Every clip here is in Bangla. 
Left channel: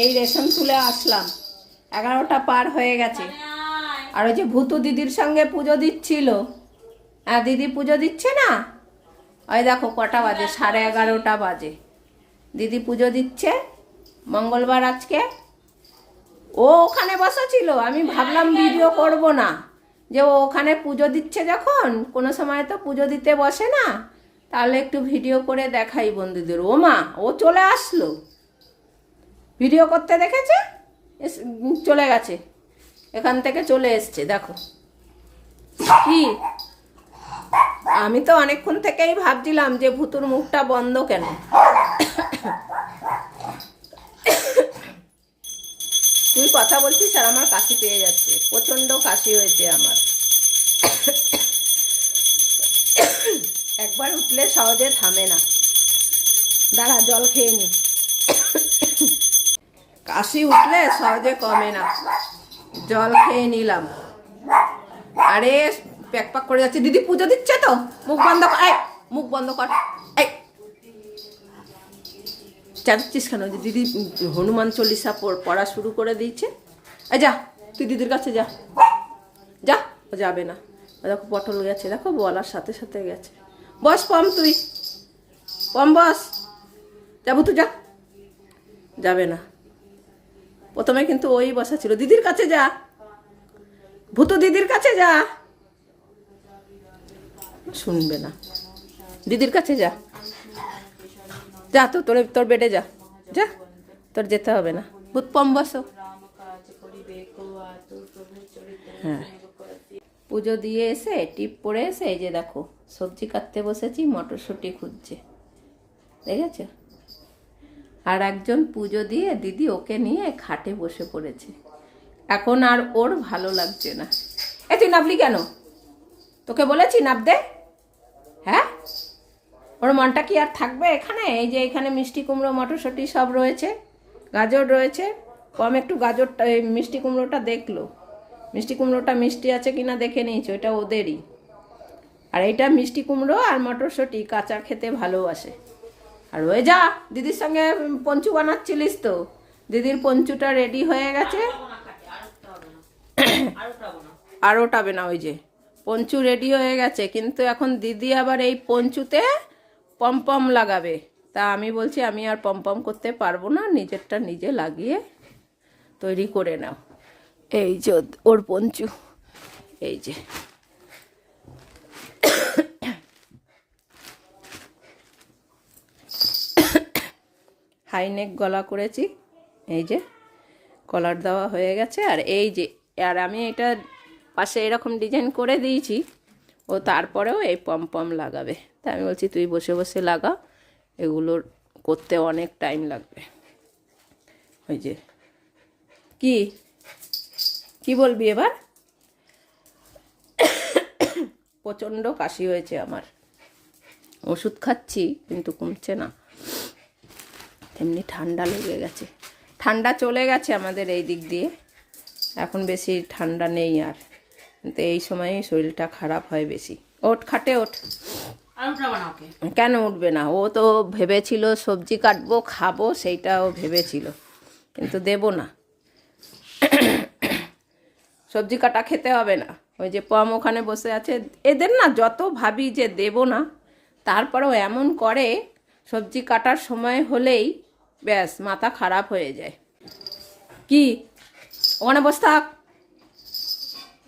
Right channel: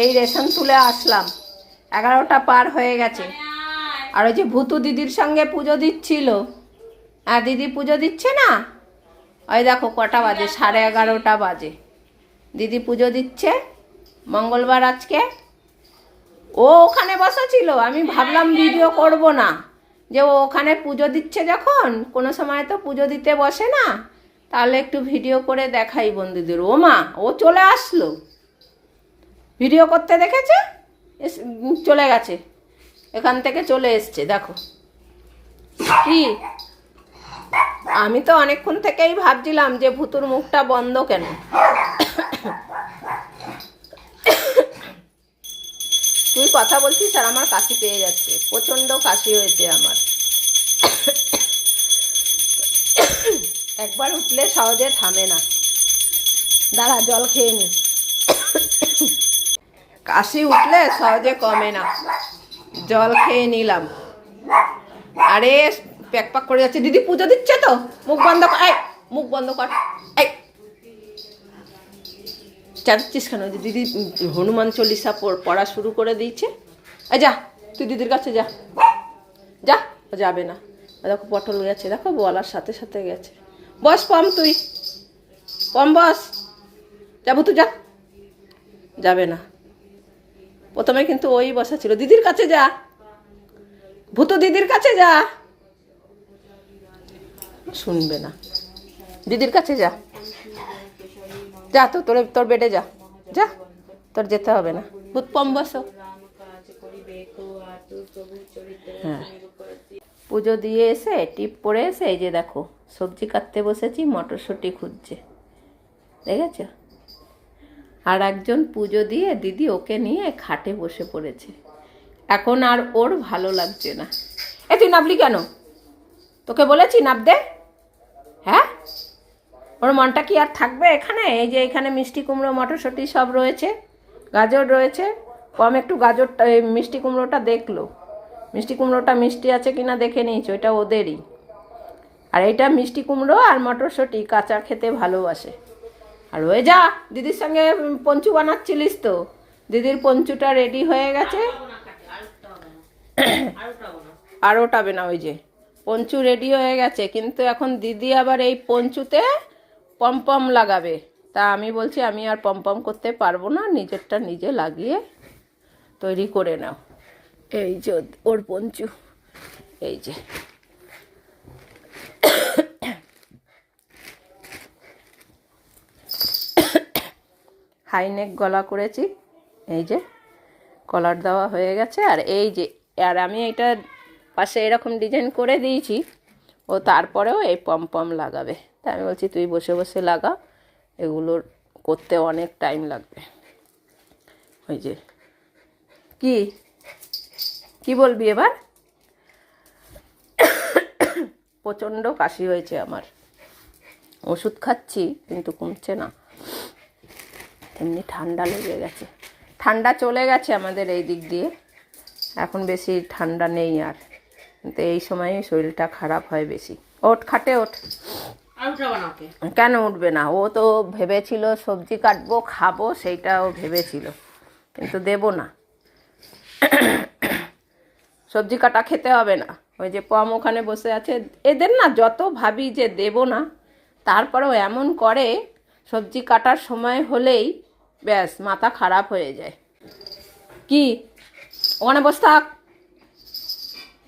এই রেশন তুলে আসলাম। এগারোটা পার হয়ে গেছে। আর ওই যে ভূতু দিদির সঙ্গে পুজো দিচ্ছিল। হ্যাঁ দিদি পুজো দিচ্ছে না? ওই দেখো কটা বাজে? সাড়ে এগারোটা বাজে। দিদি পুজো দিচ্ছে। মঙ্গলবার আজকে। ও ওখানে বসা ছিল আমি ভাবলাম ভিডিও করব না। যে ও ওখানে পুজো দিচ্ছে যখন, কোনো সময় তো পুজো দিতে বসে না। তাহলে একটু ভিডিও করে দেখাই বন্ধুদের। ও মা ও চলে আসলো। ভিডিও করতে দেখেছে? চলে গেছে। এখান থেকে চলে এসছে, দেখো। কি? আমি তো অনেকক্ষণ থেকেই ভাবছিলাম যে ভুতুর মুখটা বন্ধ কেন? তুই কথা বলছিস আর আমার কাশি পেয়ে যাচ্ছে। প্রচণ্ড কাশি হয়েছে আমার। একবার উঠলে সহজে থামে না। দাঁড়া, জল খেয়ে নি। কাশি উঠলে সহজে কমে না। জল খেয়ে নিলাম। আরে, প্যাক প্যাক করে যাচ্ছে। দিদি পুজো দিচ্ছে তো। মুখ বন্ধ কর। এই, মুখ বন্ধ কর। এই। চাচ্ছিস কেন? দিদি হনুমান চল্লিশা পড়- শুরু করে দিয়েছে। এই যা, তুই দিদির কাছে যা। যা, ও যাবে না। দেখো পটল গেছে। দেখো বলার সাথে সাথে গেছে। বস, পম তুই। পম, বস। যাব তুই যা। যাবে না। প্রথমে কিন্তু ওই বসা ছিল, দিদির কাছে যা, ভূত দিদির কাছে যা। শুনবে না। দিদির কাছে যা যা তো তোর তোর বেডে যা যা, তোর যেতে হবে না। ভূত পম বসো। হ্যাঁ। পুজো দিয়ে এসে, টিপ পরে এসে, এই যে দেখো, সবজি কাটতে বসেছি, মটরশুঁটি খুঁজছে। দেখেছ? আর একজন পুজো দিয়ে দিদি ওকে নিয়ে খাটে বসে পড়েছে। এখন আর ওর ভালো লাগছে না। এ, তুই নাবলি কেন? তোকে বলেছি নাব দে। হ্যাঁ? ওর মনটা কি আর থাকবে এখানে? এই যে এখানে মিষ্টি কুমড়ো, মটরশুঁটি সব রয়েছে, গাজর রয়েছে। কম একটু গাজরটা, এই মিষ্টি কুমড়োটা দেখল। মিষ্টি কুমড়োটা মিষ্টি আছে কিনা দেখে নিয়েছি? ওইটা ওদেরই। আর এইটা মিষ্টি কুমড়ো আর মটরশুঁটি কাঁচা খেতে ভালোবাসে। আর ওই যা, দিদির সঙ্গে পঞ্চু বানাচ্ছিলিস তো। দিদির পঞ্চুটা রেডি হয়ে গেছে। আর ওটাবে না ওই যে। পঞ্চু রেডি হয়ে গেছে, কিন্তু এখন দিদি আবার এই পঞ্চুতে পমপম লাগাবে। তা আমি বলছি, আমি আর পমপম করতে পারব না, নিজেরটা নিজে লাগিয়ে তৈরি করে নাও। এই যে ওর- ওর পঞ্চু, এই যে। হাইনেক গলা করেছি। এই যে কলার দেওয়া হয়ে গেছে। আর এই যে, আর আমি এটা পাশে এরকম ডিজাইন করে দিয়েছি। ও তারপরেও এই পম পম লাগাবে। তা আমি বলছি, তুই বসে বসে লাগা। এগুলোর করতে অনেক টাইম লাগবে। ওই যে, কি? কি বলবি এবার? প্রচণ্ড কাশি হয়েছে আমার। ওষুধ খাচ্ছি, কিন্তু কমছে না। এমনি ঠান্ডা লেগে গেছে। ঠান্ডা চলে গেছে আমাদের এই দিক দিয়ে। এখন বেশি ঠান্ডা নেই আর। কিন্তু এই সময়ই শরীরটা খারাপ হয় বেশি। ওঠ খাটে ওঠ কেন উঠবে না? ও তো ভেবেছিল সবজি কাটবো খাব সেইটা ও ভেবেছিল। কিন্তু দেব না। সবজি কাটা খেতে হবে না। ওই যে পম ওখানে বসে আছে। এদের না যত ভাবি যে দেব না তারপরেও এমন করে সবজি কাটার সময় হলেই ব্যাস মাথা খারাপ হয়ে যায়। কি? ওখানে বসে থাক।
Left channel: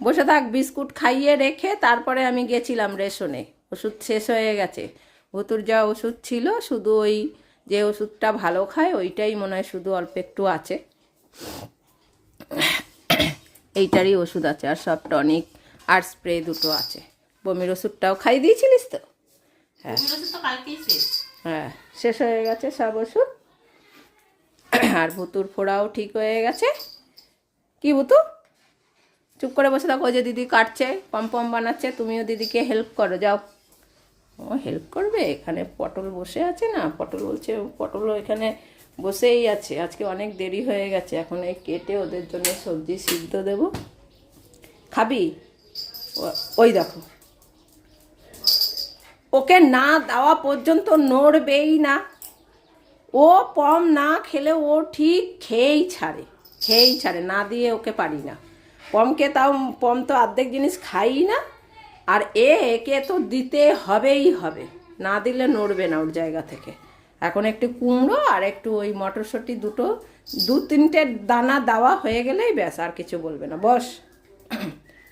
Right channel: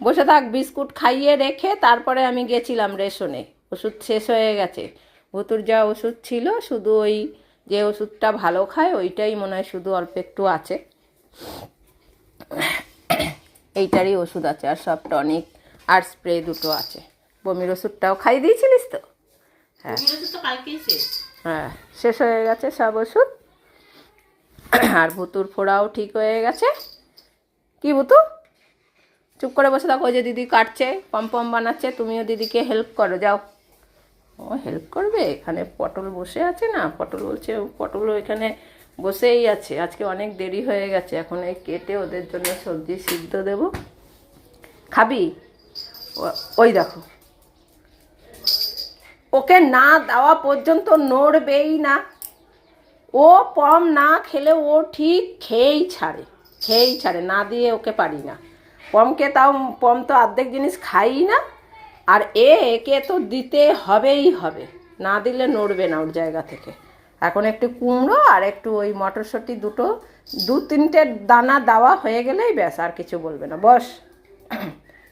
বসে থাক বিস্কুট খাইয়ে রেখে তারপরে আমি গেছিলাম রেশনে। ওষুধ শেষ হয়ে গেছে। ভুতুর যা ওষুধ ছিল শুধু ওই যে ওষুধটা ভালো খায় ওইটাই মনে হয় শুধু অল্প একটু আছে। এইটারই ওষুধ আছে আর সব টনিক আর স্প্রে দুটো আছে। বমির ওষুধটাও খাইয়ে দিয়েছিলিস তো? হ্যাঁ। হ্যাঁ শেষ হয়ে গেছে সব ওষুধ। আর ভুতুর ফোড়াও ঠিক হয়ে গেছে। কি ভুতু? চুপ করে বসে থাকো যে দিদি কাটছে, পম পম বানাচ্ছে, তুমিও দিদিকে হেল্প করো, যাও। ও হেল্প করবে? এখানে পটল বসে আছে না? পটল বলছে পটলও এখানে বসেই আছে। আজকে অনেক দেরি হয়ে গেছে, এখন এই কেটে ওদের জন্য সবজি সিদ্ধ দেবো। খাবি? ওই দেখো। ওকে না দেওয়া পর্যন্ত নড়বেই না। ও পম না খেলে ও ঠিক খেয়েই ছাড়ে খেয়েই ছাড়ে, না দিয়ে ওকে পারি না। পমকে তাও, পম তো অর্ধেক জিনিস খাই না, আর এ একে তো দিতে হবেই হবে, না দিলে নড়বে না ওর জায়গা থেকে। এখন একটু কুমড়ো আর একটু ওই মটরশুঁটি দুটো, দু তিনটে দানা দেওয়া হয়ে গেলেই ব্যাস, আর কিছু বলবে না। বস,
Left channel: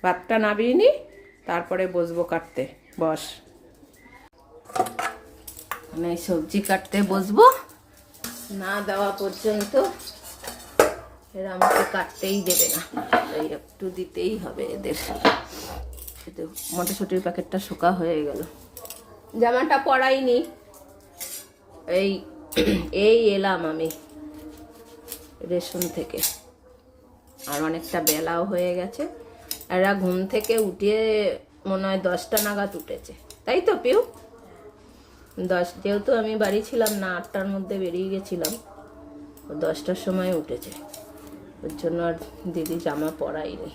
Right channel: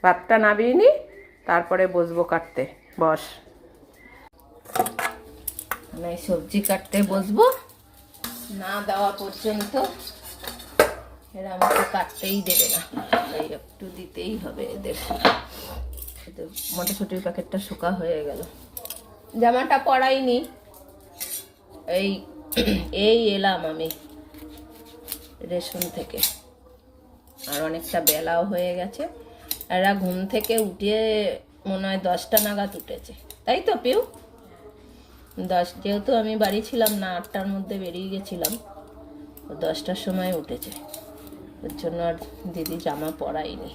ভাতটা নামিয়ে নি, তারপরে বসবো কাটতে। বস। মানে সবজি কাটতে বসবো। না দেওয়া পর্যন্ত এরা আমাকে কাটতেই দেবে না। তাই একটু দিতেই হবে এদের। মটরশুটির প্যাকেটটা শুকা হয়ে গেল। জামাটা পরাইনি। এই এই এলাম আমি রেশন থেকে। আর অনেকটা বেলাও হয়ে গেছে। এরা ঘুম থেকে উঠে মনে হয় দশটা নাগাদ উঠেছে। তাই তো, পিউ? দশ, যেহেতু আমি বাড়ি ছিলাম না, আটটার মধ্যে বেরিয়ে গেছিলাম দশটার সময় উঠেছে। ওর জন্য আর দিদি জামা পরাইনি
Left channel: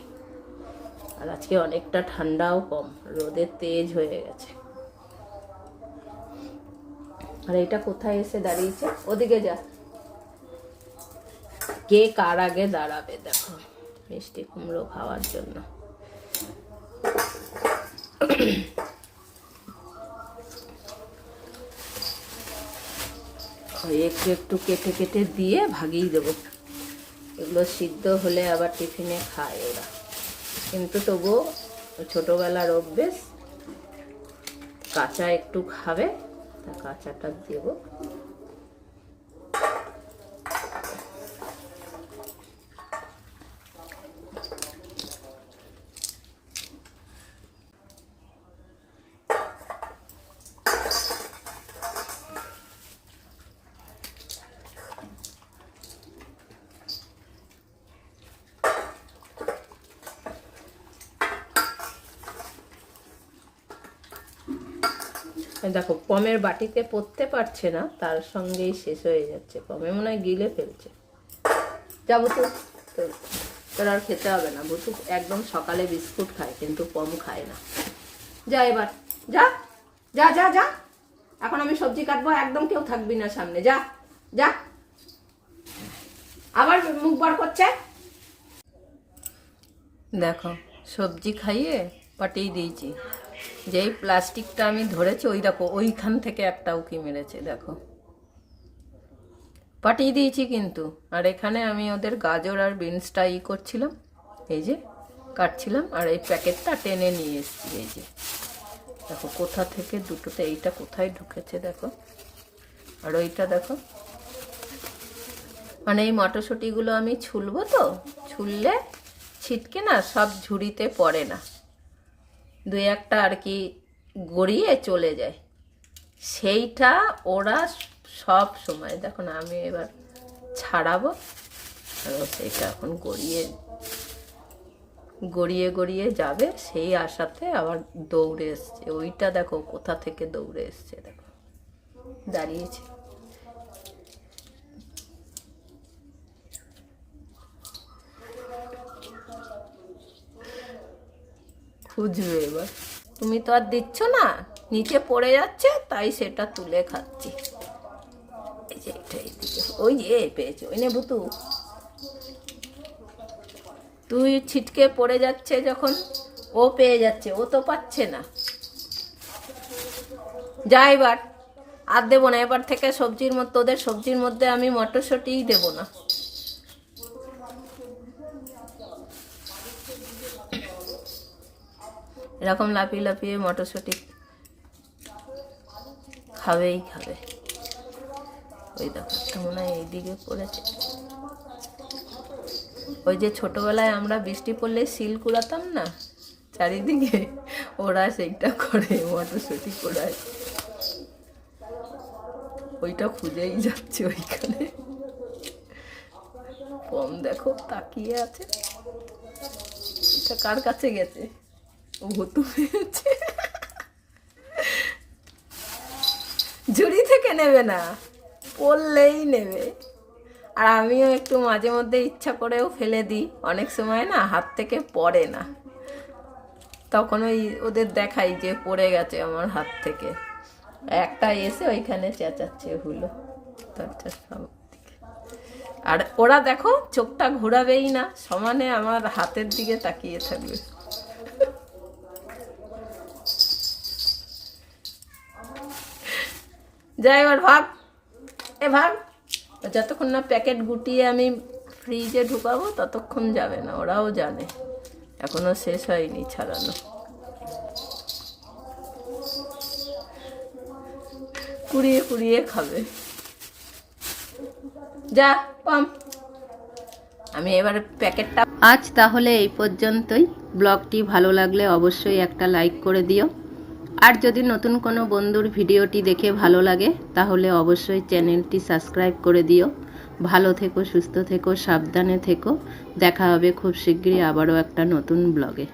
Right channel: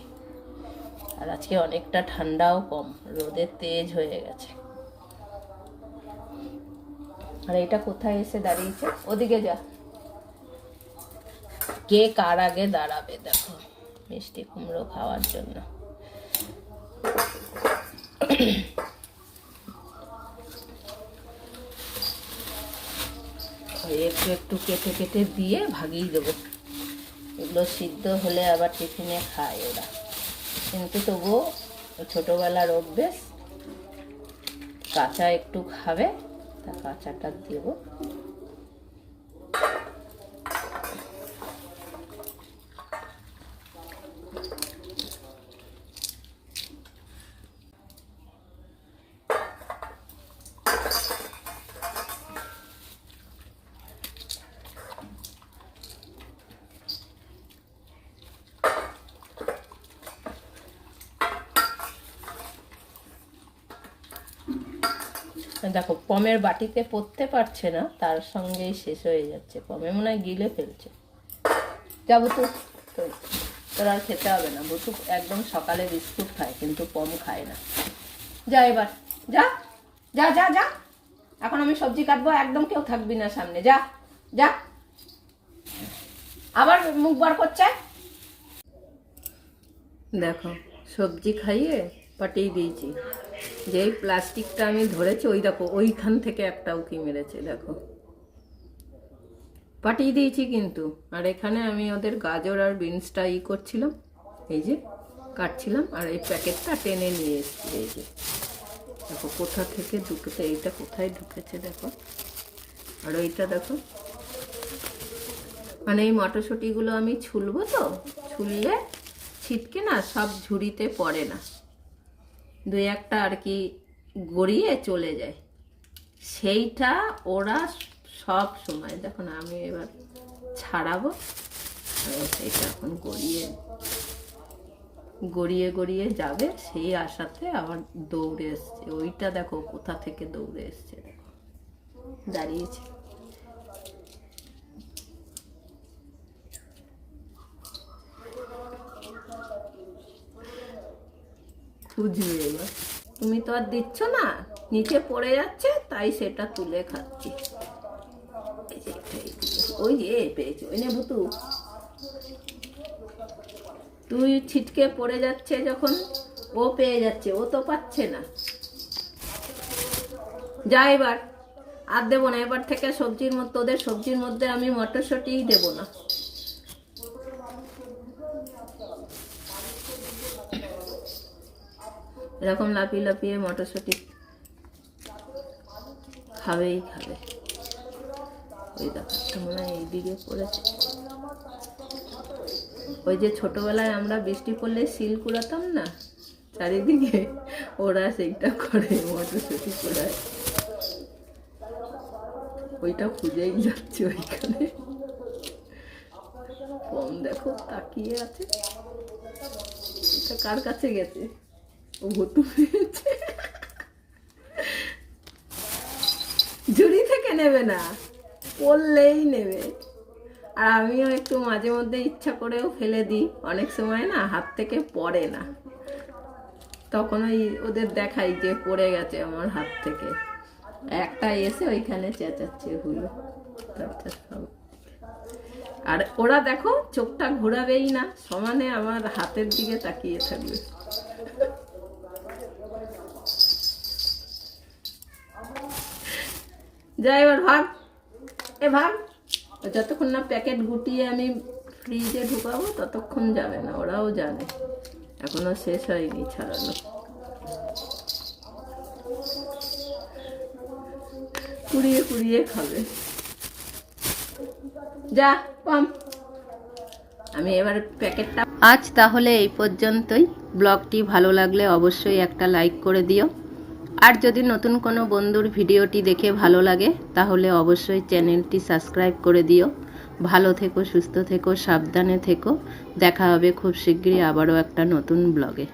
আর আজকে অনেকটা ঠান্ডাও কম রোদের তেজ হয়ে গেছে। আর এটা কোথায় এসে দাঁড়িয়েছে? ওদিকে যা। কে কার আগে দাঁড়াবে, দেখো, মিষ্টি কুমড়ো খাওয়ার জন্য। একটু একটু কেটে কেটে দিয়ে ভাগিয়ে দেবো। এগুলো সিদ্ধ হলে আবার টিফিনে খায় ওরা। কিন্তু তবুও ছোটোবেলার অভ্যেস, কাঁচা একটু খাবে, তা কাঁচাটা দেবো। দেখো, পমের বাটিতে পড়তে পারছে না, তার সঙ্গেই শেষ হয়ে যাচ্ছে। পমে মনে হয় গিলে ফেলছে। যাব তো তোর আর খেতে হবে না। বটু একদম সকালে বিস্কুট খায়, কিন্তু পম খায় না। যা এবার, যা যা যা যা। এখন আমি সবজি কাটবো, একদম কেউ থাকবি না সামনে। যা যা। আবার মুখ বার করছে? দেখো, সবজি খাইয়ে পাঠিয়ে দিয়েছি। যেই প্লাস্টিকটা আমি ধরেছি, ওই দেখো, ওইখান থেকে একটা উকি মেরেছে, দেখো। পাঠিয়ে দিয়েছি কিন্তু। আর এখানে আমি ওদের গাজর আর বিনসটা ই করছিলাম, এই যে কাটছিলাম, আর এই প্যাকেটটা টেনে নিয়ে এসেছি, এই যে। দেখো, কোথা থেকে দুটোতে, এইটা কোথায় ঢুকেছে, দেখো। আর ওইটা দেখো। মানে এই মটরশুঁটিগুলো আমি ছুলবো তো, ছুললে ছিটকে না, সব ঝুড়িতে পড়ে না। দুই একটা আর কি গড়িয়ে চলে যায়। সেইটা ওরা সব সময়, দেখো না, আমি এবার ছাড়াবো। সেইটা এখন গড়িয়ে গড়িয়ে গড়িয়ে যাবে। সেই আশাতে আবার দৌড়ে এসছে। ওইটা দেখো, কোথা থেকে দৌড়ে এসছে, দেখো। দাঁড়িয়েছে খুঁজবে এবার তুমি তো আর দিচ্ছ না, নিচে পড়ে যাচ্ছে, তাই সেটা তুলে খাচ্ছি। ওই যে পেয়েছি। ওই নে ভুতু তুই ছিটকে পড়ে যাচ্ছে যখন, ও পেয়ে যাচ্ছে, ও তো পাচ্ছে না। যা এবার। আর দেবো না, এবার থেকে সবজির মধ্যে তোদের সবজির মধ্যে আমি মটরশুঁটিই দেবো না। এরকম লাফিয়ে লাফিয়ে মটরশুঁটি খাবেই খাবে। ওই দেখো মনে হয় এইদিকে পড়েছে। ওই যে ছোটোবেলায় আমরা বৃষ্টি পড়লে শিল কুড়াতাম না, চারিদিকে ওরা সেইটা করে, মটরশুঁটি কুড়ায়। ওইটা খুঁজেই যাচ্ছে ওইখানে। কম দেখো তাকিয়ে আছে। কার কাছে গেছে? ও ভুতু পেয়েছে ঝুড়ি থেকে নেবে না পড়লেই নেবে। আর আমিও একটু মাঝে মধ্যে ইচ্ছা করেও ফেলে দিই, অনেক সময় না হাত থেকে পড়ে না। তখন ওই ওদের দেখাই যে পড়ে গেছে আমার হাত থেকে। একটা এসে ওইখানে চেঁচাচ্ছে হলো। আর ওরা দেখো, চোখটা ঘোরাবেই না, সমানে আমার হাতের দিকে তাকিয়ে থাকবে। যাই এবার ভাগ। এ ভাগ। যতক্ষণ না প্যাকেট গুটিয়ে আমি ফ্রিজে ঢুকাবো, ততক্ষণ যাবে না, ওরাও জানে। এখনও শেষ হয়নি ছাড়ানো। কুড়িয়ে কুড়িয়ে খাবে। যা, পাম। আমি এবার প্যাকেটটা আজ তাহলে এই পর্যন্তই। ব্লগটি ভালো লাগলে অবশ্যই একটা লাইক করে দিও। আর যদি নতুন কোনো বন্ধুর ভিডিওটি দেখে ভালো লাগে, তাহলে অবশ্যই চ্যানেলটি সাবস্ক্রাইব করে দিও। ভালো থেকো, সুস্থ থেকো, সাবধানে থেকো। দেখা হবে খুব শীঘ্রই আবারও একটা নতুন ব্লগে।